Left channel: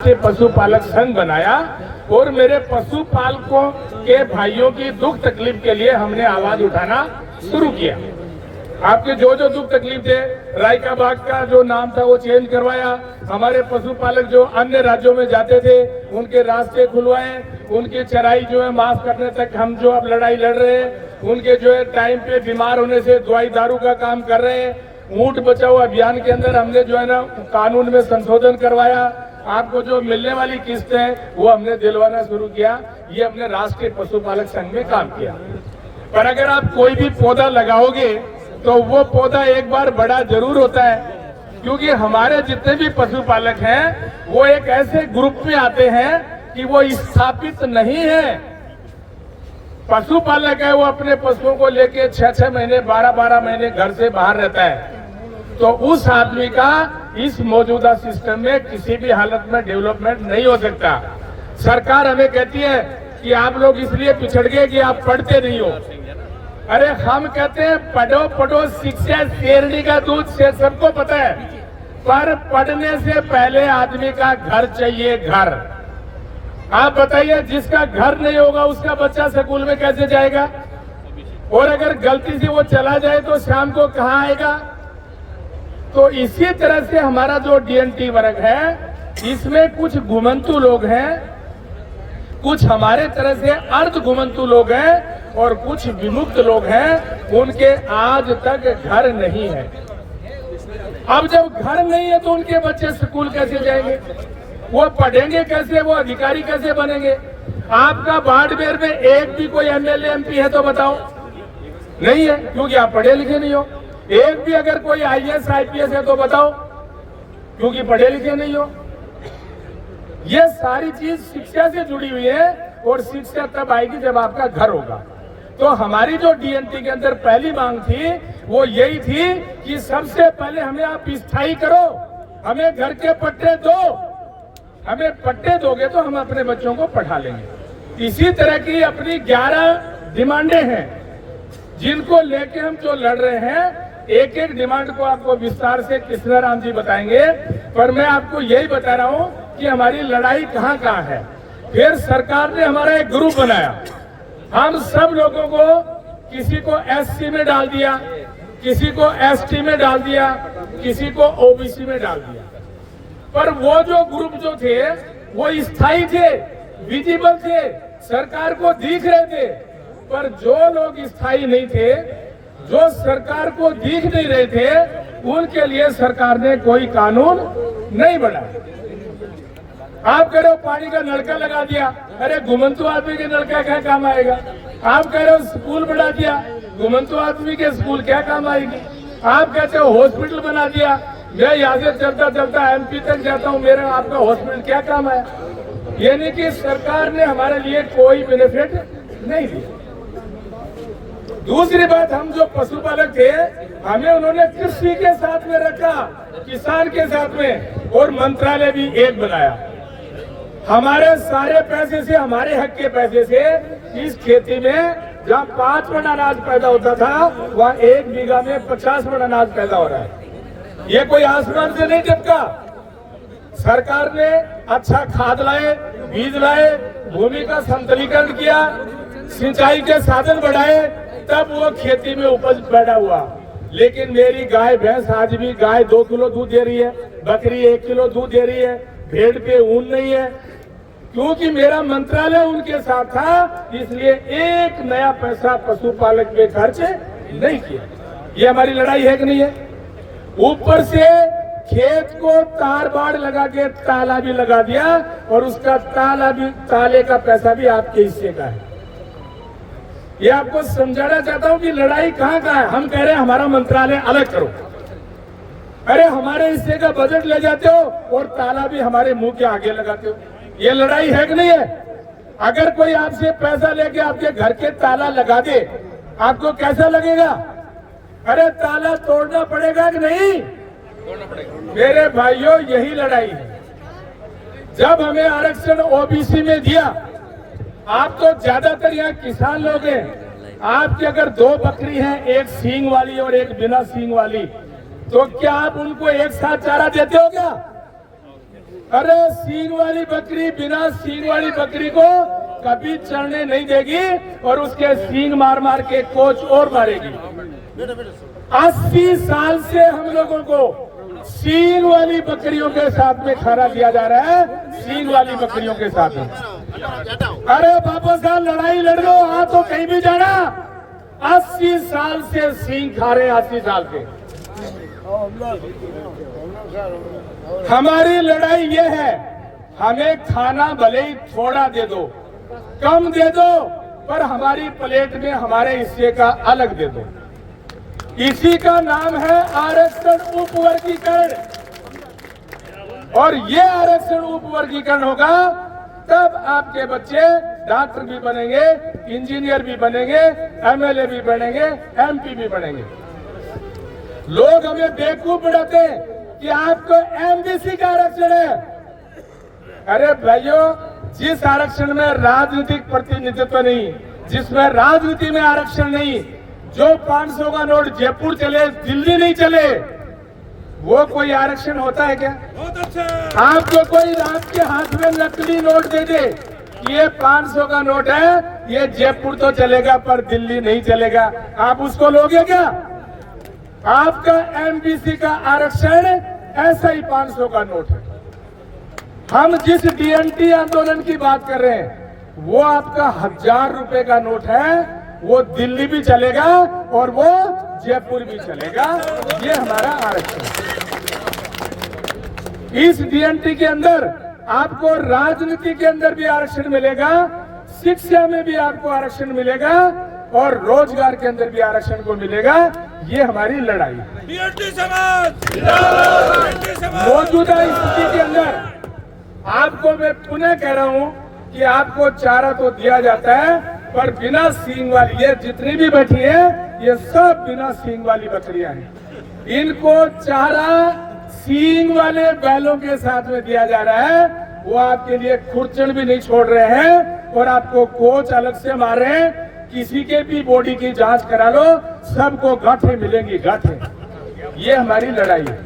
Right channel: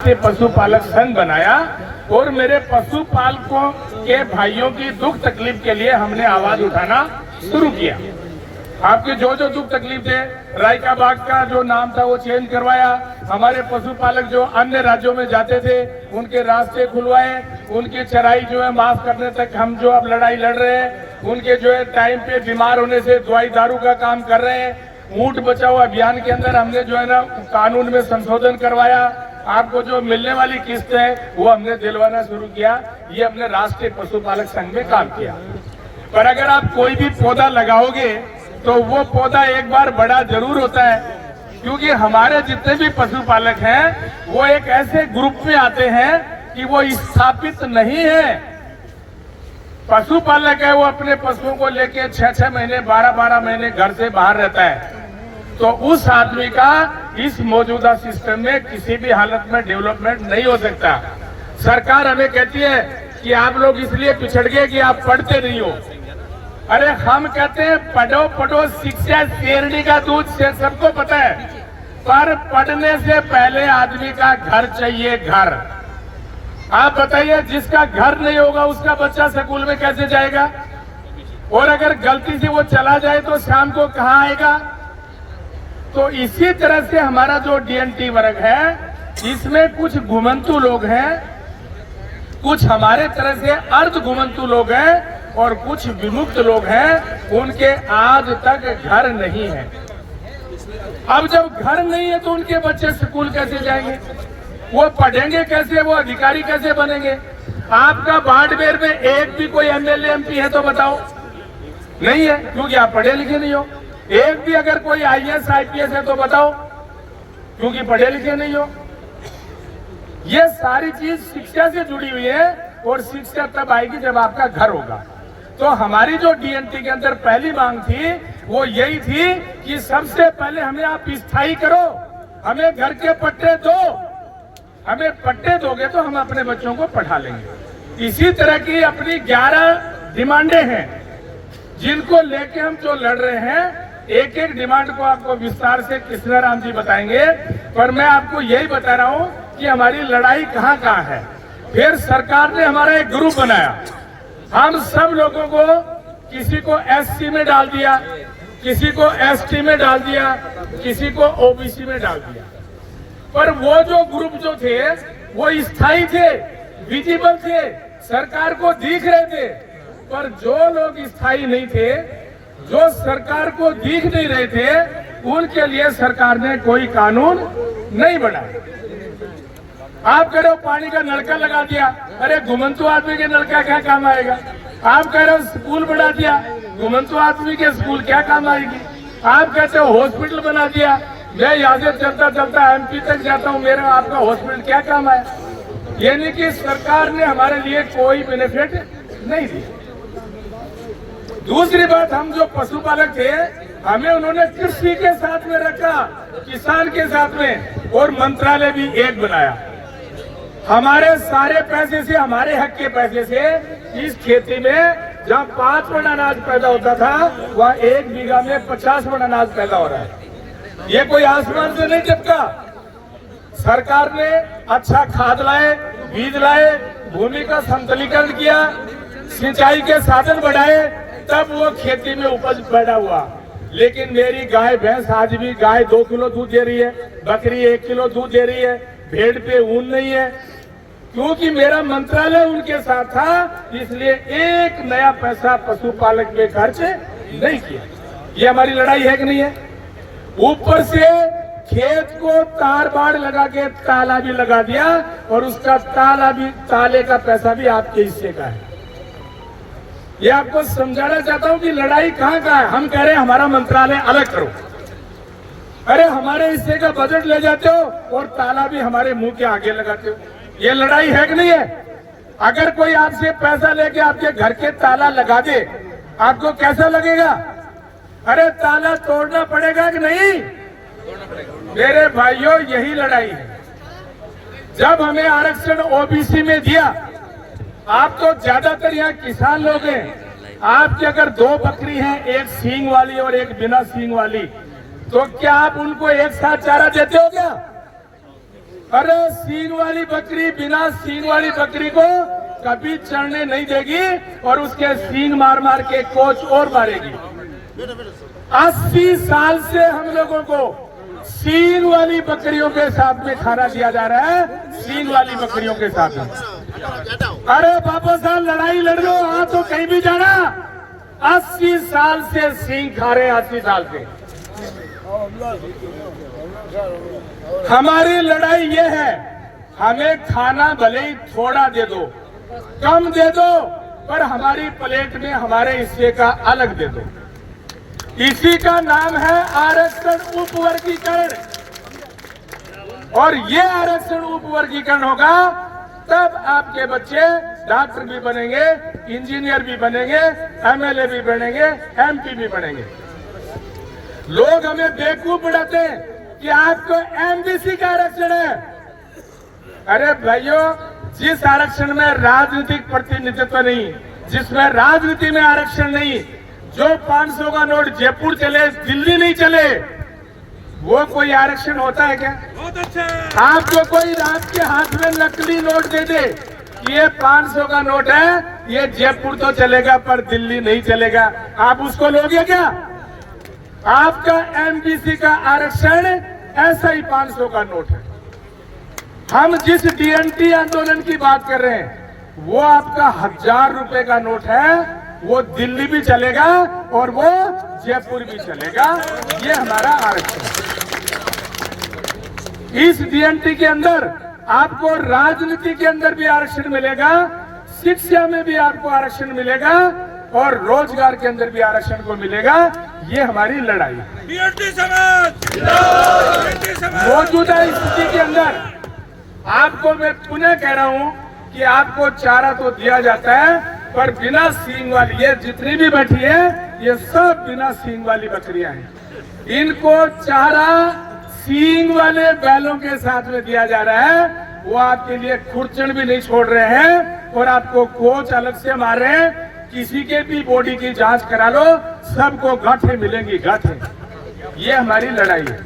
से पशुपालक संघ बनाया और मेरे पशुपालकों के भाइयों की दुख तकलीफ के लिए हमने आवाज उठाना शुरू किया। आपके जो जो दुख तकलीफ थे, राय का बाग का जो नाम था वो चेंज करवाया, हमारे पशुपालक जो अन्य राज्यों में जाते थे उनके रास्ते खुलवाए, उनकी चराई जो है माफ करने तक हम जो अब लड़ाई लड़ रहे हैं, उनके जो है टाइम पे बीमार होने से दवाई दारू का काम कर रहे हैं। ऊंट बचाओ अभियान के अंदर हमने जो है ना कानून में संशोधन करवाया, आपको जो मिलने वाली किस्त है वो हमने दिलवाना शुरू किया। ये अपने राष्ट्रीय पशुपालक संघ में काम किया। पर अगर आप कोई भी पौधा लगाओगे तो वो पौधा एक बार बड़ा जरूर होता है, क्योंकि हमारे जितने भी पशुपालक हैं वो एक ऐसे ग्रुप में आते हैं कि वो स्थापित नहीं है। पशुपालक है वो अपने पशुओं को लेके 6-6 महीने 12-12 महीने घर से बाहर रहता है, तो उस आदमी का इस मौजूदा सिस्टम में किसी भी हालत में डेवलपमेंट नहीं हो सकता। सरकार हमें कहती है कि आप लोग इसलिए पिछड़ गए कि आप पढ़ते नहीं हो। अरे हम कहते हैं पढ़ो पढ़ो, शिक्षा शेरनी का दूध से सबको पता है, पर पढ़ने से पहले आदमी का घर चाहिए। घर आप बताइए, जिसका घर नहीं होगा उसका बच्चा स्कूल में कैसे जाएगा? और अगर गलती से वो चला जाए तो शाम को कहाँ आएगा? तो इसी तरह से हमारा जो डीएनटी वर्ग है इसमें कुछ घुमंतु लोग हैं, कुछ हमारे तरह से अर्ध घुमंतु लोग हैं और कुछ विमुक्त लोग हैं, उनके आज तक घर नहीं है। अब जब घर नहीं है तो उनके बच्चे स्कूल कैसे जाएंगे? वो पढ़ेंगे कैसे? वो अधिकारी कैसे बनेंगे? आपका बाड़मेर में एक भी कोई एमएलए एमपी है तो बताओ? नहीं है, क्योंकि आप पढ़े लिखे नहीं हो। एक भी अगर कोई आईएएस आईपीएस है तो बताओ? क्योंकि पढ़े लिखे नहीं हो। ये सारी चीज शिक्षा से जुड़ी हुई है और शिक्षा तब आएगी जब आपका घर होगा। तो हमारी जो डीएनटी के अंदर पहली मांग थी वो यही थी कि सबसे पहले हमें आप स्थायी करो, हमें घर के पट्टे दो। हमें पट्टे दोगे तो हम अपने बच्चों को पढ़ा लेंगे। इसी तरह की अपनी 11 डिमांडें हैं जिनको लेके हम जो लड़ रहे हैं। एक एक डिमांड को आपको विस्तार से कृष्णा राम जी बताएंगे, पर मैं आपको यही बता रहा हूं कि हमारी लड़ाई कहां कहां है। फिर सरकार ने हमारा एक ग्रुप बनाया, हम सब लोगों को किसी को एससी में डाल दिया, किसी को एसटी में डाल दिया, किसी को ओबीसी में डाल दिया। पर वो जो ग्रुप जो थे वो स्थायी थे, विजिबल थे, सरकार को दिख रहे थे। पर जो लोग स्थायी नहीं थे, जो सरकार को दिख नहीं रहे थे, उनके लिए सरकार ने कोई कानून नहीं बनाया। आप कह रहे हो पानी का नलका लगा दिया, अरे घुमंतु आदमी के नलका क्या काम आएगा? आप कह रहे हो स्कूल बढ़ा दिया, घुमंतु आदमी के स्कूल क्या काम आएगी? आप कहते हो हॉस्पिटल बना दिया, मैं यहाँ से चलता चलता एमपी तक जाता हूँ, मेरा आपका हॉस्पिटल क्या काम आया? यानी कि सरकार ने हमारे लिए कोई बेनिफिट नहीं दिया। दूसरी बात, हम जो पशुपालक थे हमें उन्होंने कृषि के साथ में रखा, किसान के साथ में, और मंत्रालय भी एक बनाया। हमारे सारे पैसे से, हमारे हक के पैसे से इस खेती में जहाँ 5 मन अनाज पैदा होता था वहाँ 1 बीघा में 50 मन अनाज पैदा हो रहा है। ये कोई आसमान से नहीं टपका। सरकार ने अच्छा खाद लाए, बीज लाए, भूमि का समतलीकरण किया, सिंचाई के साधन बढ़ाए, तब वो खेती में उपज पैदा हुआ। लेकिन मेरी गाय भैंस आज भी, गाय 2 किलो दूध दे रही है, बकरी 1 किलो दूध दे रही है, भेड़ पे ऊन नहीं है, क्योंकि मेरा मंत्रालय उनके साथ था। इसलिए एक नया पैसा पशुपालक पे खर्च नहीं किया। ये हमारी लड़ाई है कि नहीं है? ऊपर से खेत को तार बाड़ लगा के ताला भी लगा दिया और उसका ताले का पैसा भी आपके हिस्से का है। ये आपको समझाना चाहता हूं कि लड़ाई कहां का है। हम कह रहे हैं हमारा मंत्रालय अलग करो, अरे हमारे हिस्से का बजट ले जाते हो और ताला भी हमारे मुंह के आगे लगाते हो। ये लड़ाई है कि नहीं है? अगर कोई आपसे पैसा लेके आपके घर के ताला लगा दे, आपको कैसा लगेगा? अरे ताला तोड़ना पड़ेगा कि नहीं? तोड़ना पड़ेगा। मेरे भाइयों, यही लड़ाई है। जब हमें आरक्षण ओबीसी में दिया, आप तो ज्यादातर यहाँ किसान लोग हैं, आपकी अगर 2 बकरी हैं, एक सींग वाली और एक बिना सींग वाली, तो क्या आप उनको एक साथ चारा देते हो क्या? अरे सींग वाली बकरी बिना सींग वाली बकरी को कभी चढ़ने नहीं देगी और उसके सींग मार मार के कोच और मारेगी। 80 साल से हम लोगों को सींग वाली बकरियों के साथ में खाना दिया जा रहा है, सींग वाली बकरियों के साथ में। अरे बाबा साहब लड़ाई लड़ लो, हाँ तो कहीं भी जाना। 80 साल से सींग खा रहे हैं, 80 साल से। हमारी लड़ाई ये है, हमें खाना भले ही थोड़ा दे दो, कम दे दो, पर हमारी प्लेट में हमारे हिस्से का अलग दे दो। इसी का नाम है आरक्षण उपवर्गीकरण। और ये आरक्षण उपवर्गीकरण होगा तब आपके बच्चे डॉक्टर भी बनेंगे, इंजीनियर भी बनेंगे, एमएलए भी बनेंगे, एमपी भी बनेंगे। लोग हमें बेवकूफ बनाते हैं कि आपको एमबीसी का आरक्षण है। अरे भाइयों, जिस आरक्षण में राजनीतिक प्रतिनिधित्व नहीं, जिसमें राजनीति में आरक्षण नहीं, जो 500 का नोट जयपुर चले दिल्ली नहीं चले, वो कोई आरक्षण होता है क्या? आपको कोई आपके हाथ में नकली नोट दे दे, ये 500 का नोट है, ये जयपुर तो चलेगा पर दिल्ली नहीं चलेगा, आप उसको लोगे क्या? आपका एमबीसी का आरक्षण ऐसा ही 500 का नोट है। हम जिस डीएनटी आंदोलन की बात कर रहे हैं, वो आपका 1000 रुपए का नोट है, वो दिल्ली भी चलेगा और वो जयपुर भी चलेगा। ये हमारा आरक्षण है। इस डीएनटी के अंदर आपको राजनीति के अंदर भी आरक्षण मिलेगा, शिक्षा में भी आपको आरक्षण मिलेगा और रोजगार के अंदर भी आरक्षण को मिलेगा। ये हमारी लड़ाई है। मौजूदा स्थिति के अंदर आपको मैं पुनः कह रहा हूं कि आपको चारा तो दिया जाता है, पर बिना सींग वाली, ये जितनी भी बैठी है ये सब बिना सींग वाली बकरियां हैं। इनको चारा सींग वाले बैलों के साथ में दिया जा रहा है। वो आपके लिए खुरचन भी नहीं छोड़ रहे हैं और आपको कोच अलग से मार रहे हैं। किसी के भी बॉडी की जांच करा लो, सबको गांठें मिलेंगी, गांठें। ये हमारी लड़ाई है।